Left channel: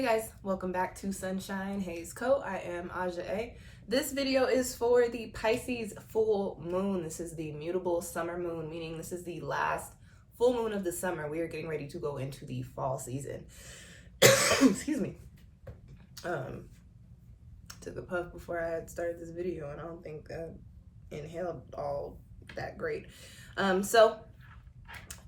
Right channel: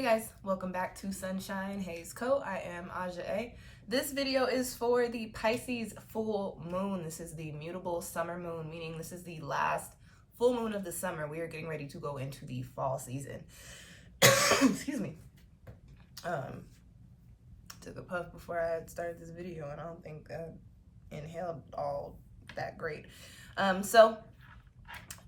Hey guys, welcome back to SunshinehazeCo. I am AUJHA. This video is for the Pisces full moon. This is the mutable summer moon, meaning this is the last full moon of the summer. We are getting ready to go into the fall season. Excuse me. Took a puff before I had started this video, and I don't think I inhaled all that great. So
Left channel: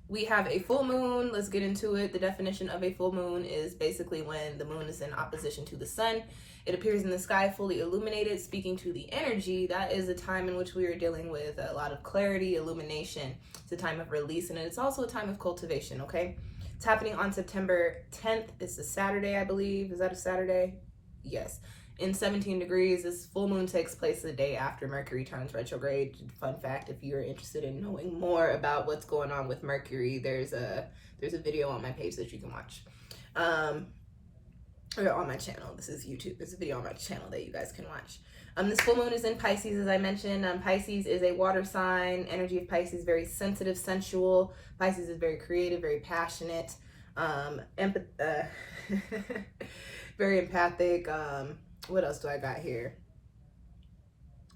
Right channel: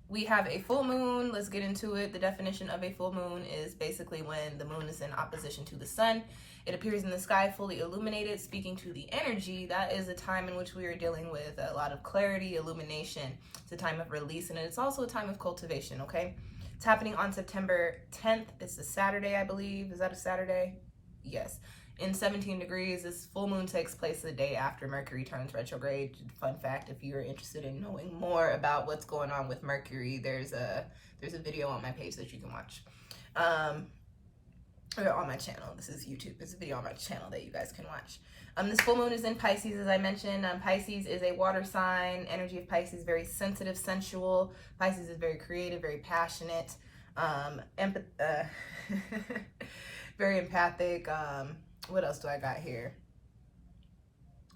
we have a full moon. Let's get into it. The definition of a full moon is basically when the moon is in opposition to the sun. It appears in the sky fully illuminated. Speaking to the energy, that is a time in which we are dealing with a lot of clarity, illumination. It's a time of release, and it's also a time of cultivation, okay? It's happening on September 10th. It's a Saturday, I believe. Is that a Saturday? Yes. In 17 degrees, this full moon takes place the day after Mercury turns retrograde. Fun fact, if you're interested in knowing more about what's going on with Mercury, there's a video on my page that you can watch. Or on my channel. This is YouTube. There's a video on my channel that you guys can watch. This full moon is in Pisces, as I mentioned. Pisces is a water sign. Energy of Pisces, very sensitive, sensual. Pisces is very creative, very passionate, very empathic. What else do I got here?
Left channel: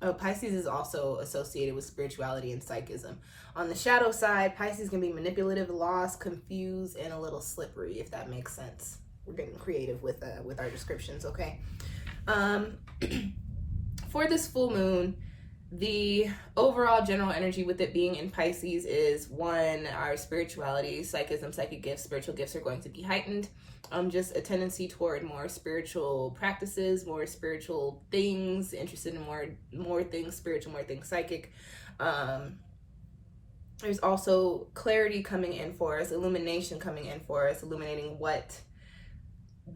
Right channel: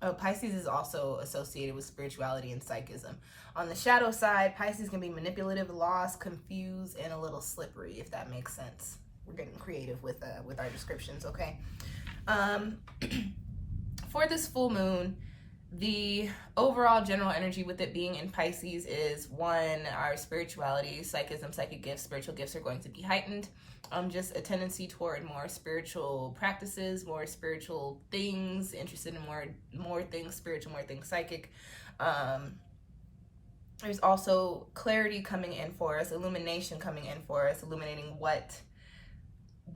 Oh, Pisces is also associated with spirituality and psychism. On the shadow side, Pisces can be manipulative, lost, confused, and a little slippery, if that makes sense. We're getting creative with our descriptions, okay? For this full moon, the overall general energy with it being in Pisces is one, our spirituality, psychism, psychic gifts, spiritual gifts are going to be heightened. Just a tendency toward more spiritual practices, more spiritual things, interested in more things spiritual, more things psychic. There's also clarity coming in for us, illumination coming in for us, illuminating what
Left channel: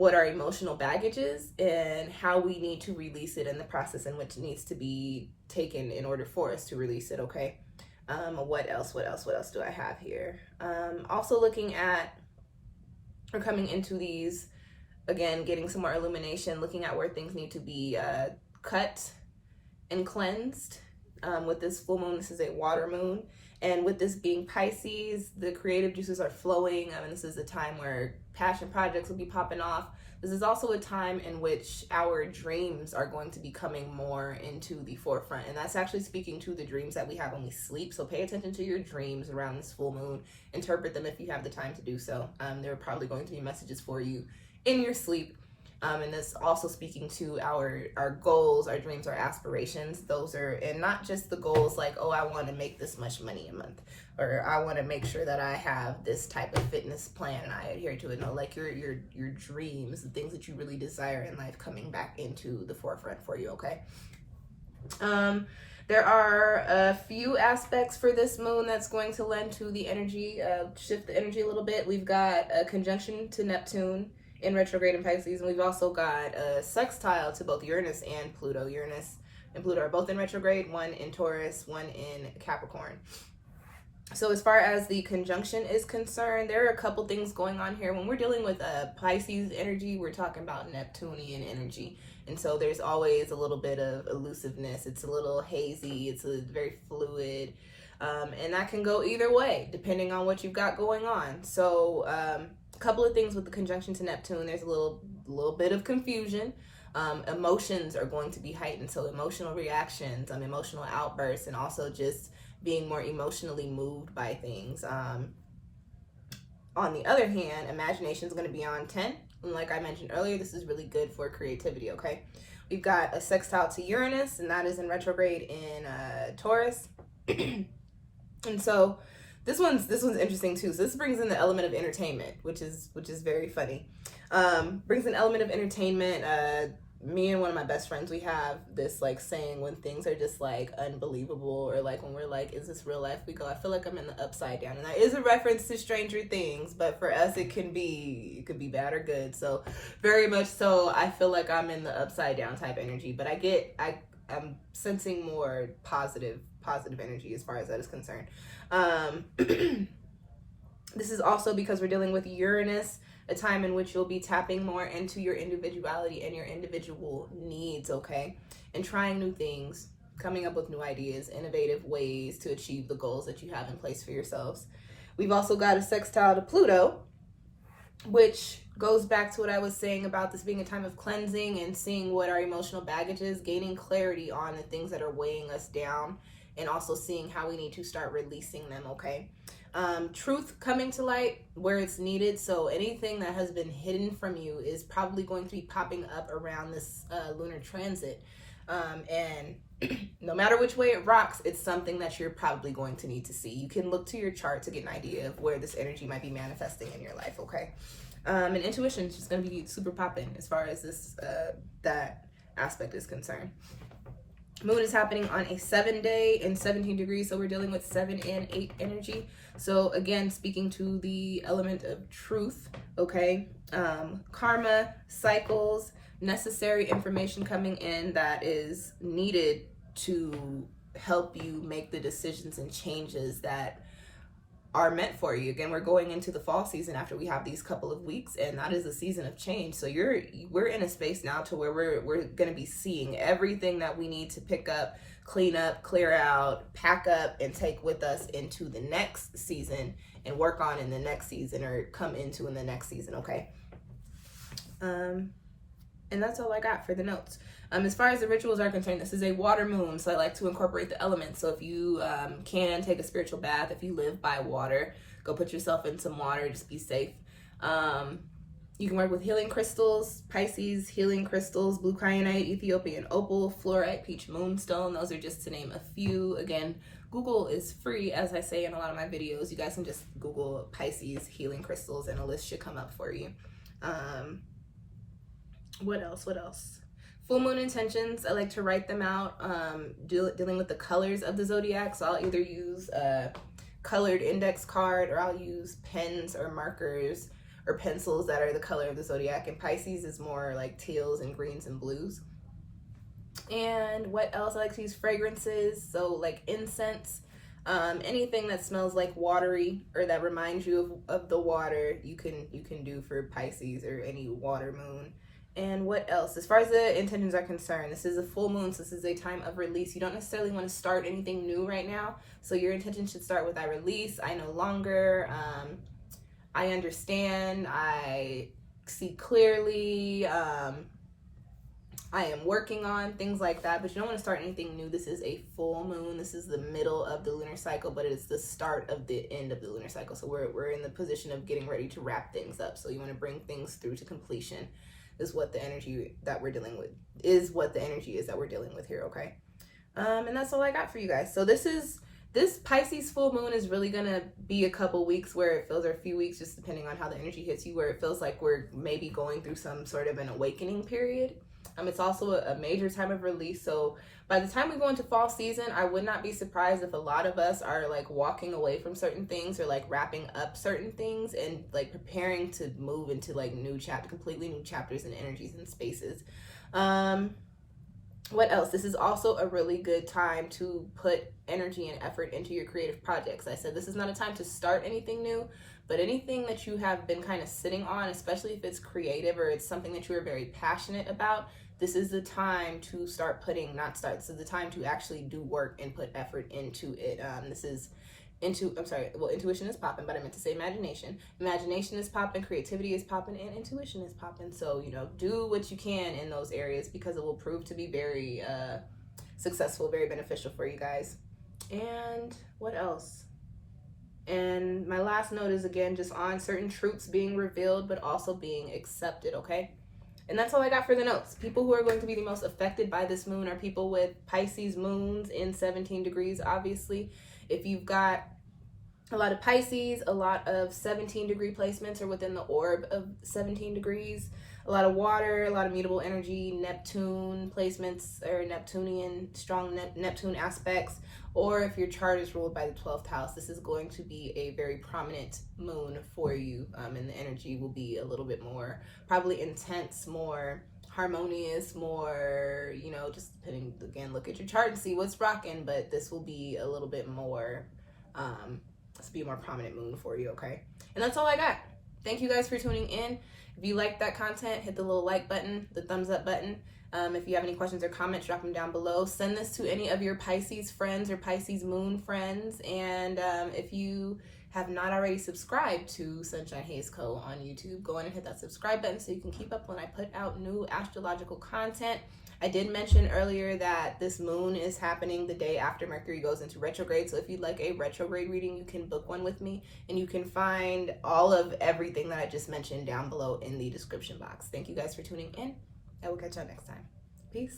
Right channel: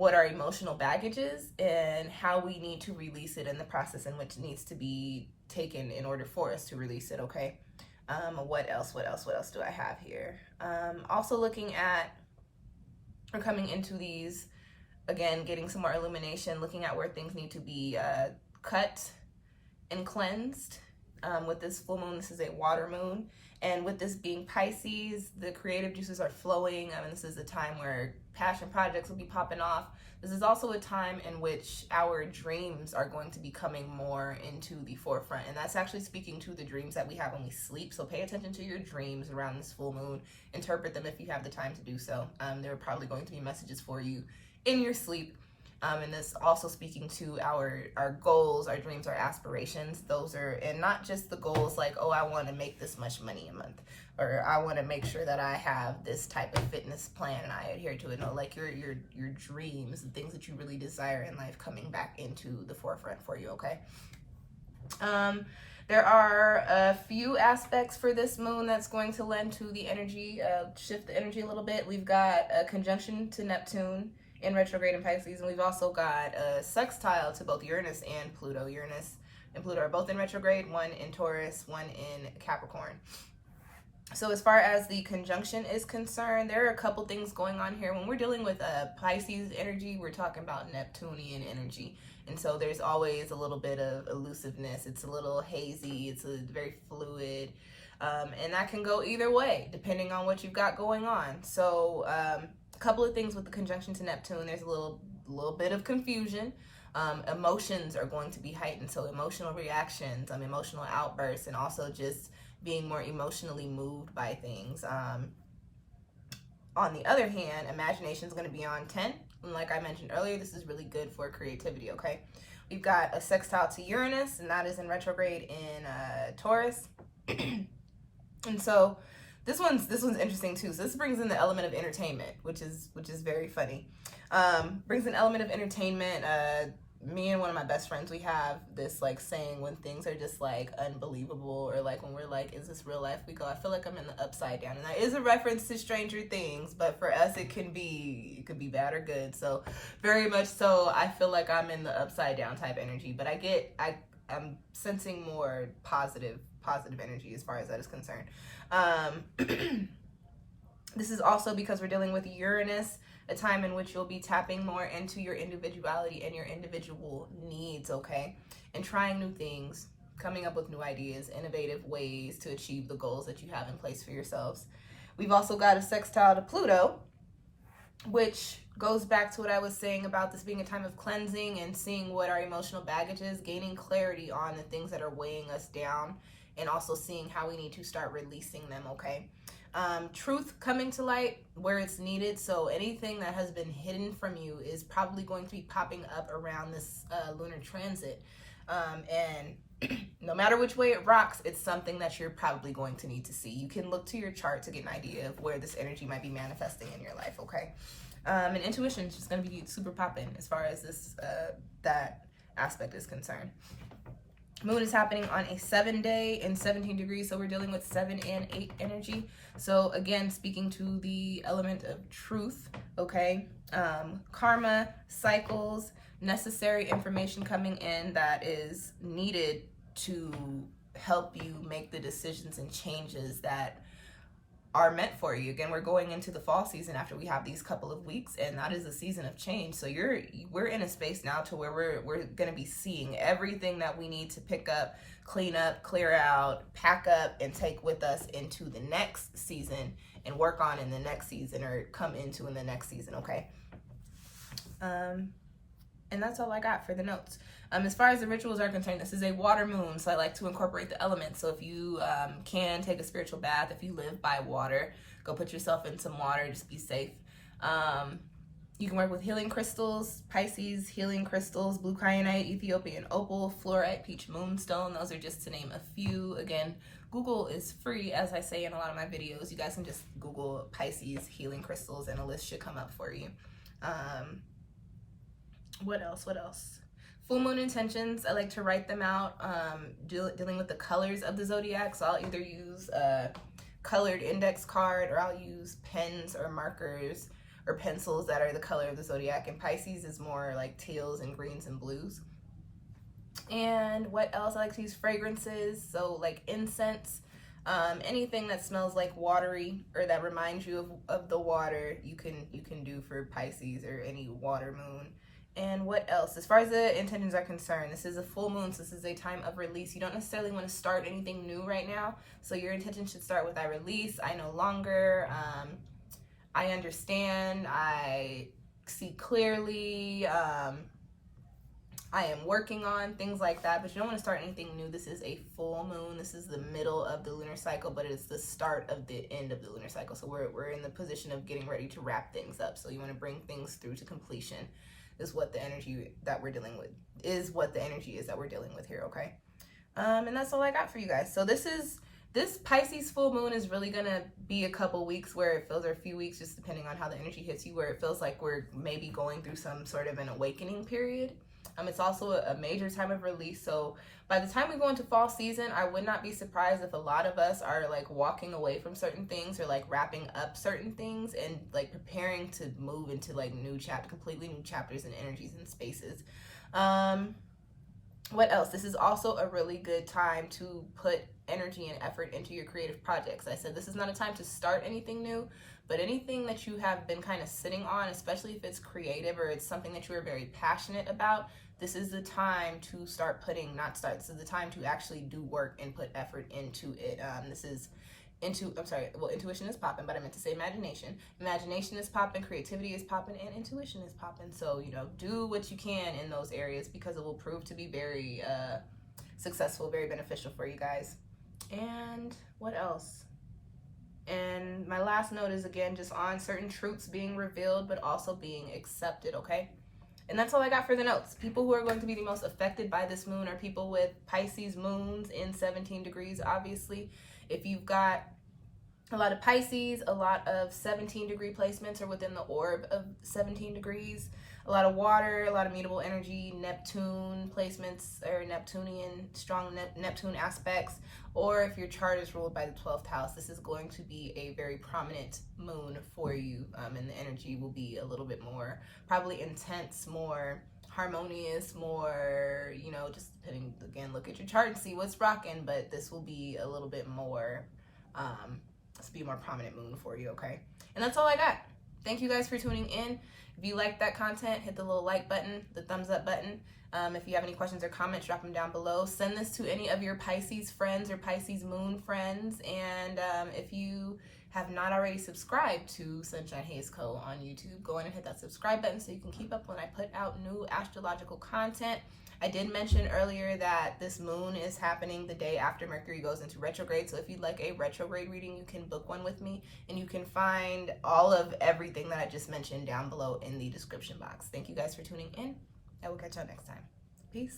our emotional baggage is and how we need to release it in the process in which it needs to be taken in order for us to release it, okay? What else do I have here? Also looking at, or coming into these, again, getting some more illumination, looking at where things need to be cut and cleansed. With this full moon, this is a water moon. And with this being Pisces, the creative juices are flowing. This is a time where passion projects will be popping off. This is also a time in which our dreams are going to be coming more into the forefront. And that's actually speaking to the dreams that we have when we sleep. So pay attention to your dreams around this full moon. Interpret them if you have the time to do so. There are probably going to be messages for you in your sleep. And this also speaking to our goals, our dreams, our aspirations. Those are, and not just the goals like, oh, I want to make this much money a month, or I want to make sure that I have this type of fitness plan and I adhere to it. No, like your dreams, the things that you really desire in life coming back into the forefront for you, okay? There are a few aspects for this moon that's going to lend to the energy, shift the energy a little bit. We've got a conjunction to Neptune in retrograde in Pisces, and we've also got a sextile to both Uranus and Pluto. Uranus and Pluto are both in retrograde, one in Taurus, one in Capricorn. So as far as the conjunction is concerned, there are a couple things going on here. When we're dealing with Pisces energy, we're talking about Neptunian energy. And so there's always a little bit of elusiveness. It's a little hazy. It's a very fluid. And that can go either way, depending on what you've got going on. So, couple of things with the conjunction to Neptune. There's a little bit of confusion. Emotions are going to be heightened, so emotional reactions, emotional outbursts, and also just being more emotionally moved by things. On the other hand, imagination is going to be on 10, and like I mentioned earlier, this is really good for creativity, okay? We've got a sextile to Uranus, and that is in retrograde in Taurus. And so this one's interesting too. So this brings in the element of entertainment, which is very funny. Brings an element of entertainment. Me and one of my best friends, we have this like saying when things are just like unbelievable, or like when we're like, is this real life? We go, I feel like I'm in the upside down. And that is a reference to Stranger Things, but for us it could be bad or good. So very much so, I feel like I'm in the upside down type energy, but I'm sensing more positive energy as far as that is concerned. This is also because we're dealing with Uranus, a time in which you'll be tapping more into your individuality and your individual needs, okay? And trying new things, coming up with new ideas, innovative ways to achieve the goals that you have in place for yourselves. We've also got a sextile to Pluto, which goes back to what I was saying about this being a time of cleansing and seeing what our emotional baggage is, gaining clarity on the things that are weighing us down, and also seeing how we need to start releasing them, okay? Truth coming to light where it's needed. So anything that has been hidden from you is probably going to be popping up around this lunar transit. And no matter which way it rocks, it's something that you're probably going to need to see. You can look to your chart to get an idea of where this energy might be manifesting in your life, okay? And intuition is just going to be super popping as far as this that aspect is concerned. Moon is happening on a 7-day and 17 degrees, so we're dealing with 7 and 8 energy. So again, speaking to the element of truth, okay? Karma, cycles, necessary information coming in that is needed to help you make the decisions and changes that are meant for you. Again, we're going into the fall season after we have these couple of weeks, and that is a season of change. So we're in a space now to where we're going to be seeing everything that we need to pick up, clean up, clear out, pack up, and take with us into the next season and work on in the next season, or come into in the next season, okay? And that's all I got for the notes. As far as the rituals are concerned, this is a water moon, so I like to incorporate the elements. So if you can take a spiritual bath, if you live by water, go put yourself in some water, just be safe. You can work with healing crystals, Pisces healing crystals, blue kyanite, Ethiopian opal, fluorite, peach moonstone. Those are just to name a few. Again, Google is free, as I say in a lot of my videos. You guys can just Google Pisces healing crystals and a list should come up for you. What else? Full moon intentions, I like to write them out, dealing with the colors of the zodiac. So I'll either use a colored index card, or I'll use pens or markers or pencils that are the color of the zodiac. And Pisces is more like teals and greens and blues. And what else? I like to use fragrances, so like incense, anything that smells like watery or that reminds you of the water, you can do for Pisces or any water moon. And what else? As far as the intentions are concerned, this is a full moon, so this is a time of release. You don't necessarily want to start anything new right now. So your intention should start with I release, I no longer, I understand, I see clearly, I am working on, things like that. But you don't want to start anything new. This is a full moon. This is the middle of the lunar cycle, but it's the start of the end of the lunar cycle. So we're in the position of getting ready to wrap things up. So you want to bring things through to completion. Is what the energy that we're dealing with here, okay? And that's all I got for you guys. So this Pisces full moon is really gonna be a couple weeks where it feels, or a few weeks, just depending on how the energy hits you, where it feels like we're maybe going through some sort of an awakening period. It's also a major time of release. So by the time we go into fall season, I would not be surprised if a lot of us are like walking away from certain things, or like wrapping up certain things, and like preparing to move into like completely new chapters and energies and spaces. What else? This is also a really good time to put energy and effort into your creative projects. I said this is not a time to start anything new, but anything that you have been kind of sitting on, especially if it's creative or it's something that you are very passionate about, this is the time to this is the time to actually do work and put effort into it. Intuition is popping, but I meant to say imagination. Imagination is popping, creativity is popping, and intuition is popping. So, do what you can in those areas, because it will prove to be very successful, very beneficial for you guys. And what else? And my last note is, again, just on certain truths being revealed, but also being accepted, okay? And that's all I got for the notes. People who are going to be the most affected by this moon are people with Pisces moons in 17 degrees, obviously. If you've got a lot of Pisces, a lot of 17-degree placements are within the orb of 17 degrees, a lot of water, a lot of mutable energy, Neptune placements, or Neptunian, strong Neptune aspects, or if your chart is ruled by the 12th house, this is going to be a very prominent moon for you, and the energy will be a little bit more, probably intense, more harmonious, more, just depending, again, look at your chart and see what's rocking, but this will be a little bit more, be a more prominent moon for you, okay? And that's all I got. Thank you guys for tuning in. If you like that content, hit the little like button, the thumbs up button. If you have any questions or comments, drop them down below. Send this to any of your Pisces friends or Pisces moon friends. And if you have not already subscribed to SunshinehazeCo on YouTube, go in and hit that subscribe button so you can keep up when I put out new astrological content. I did mention earlier that this moon is happening the day after Mercury goes into retrograde. So if you'd like a retrograde reading, you can book one with me, and you can find all of everything that I just mentioned down below in the description box. Thank you guys for tuning in. I will catch y'all next time. Peace.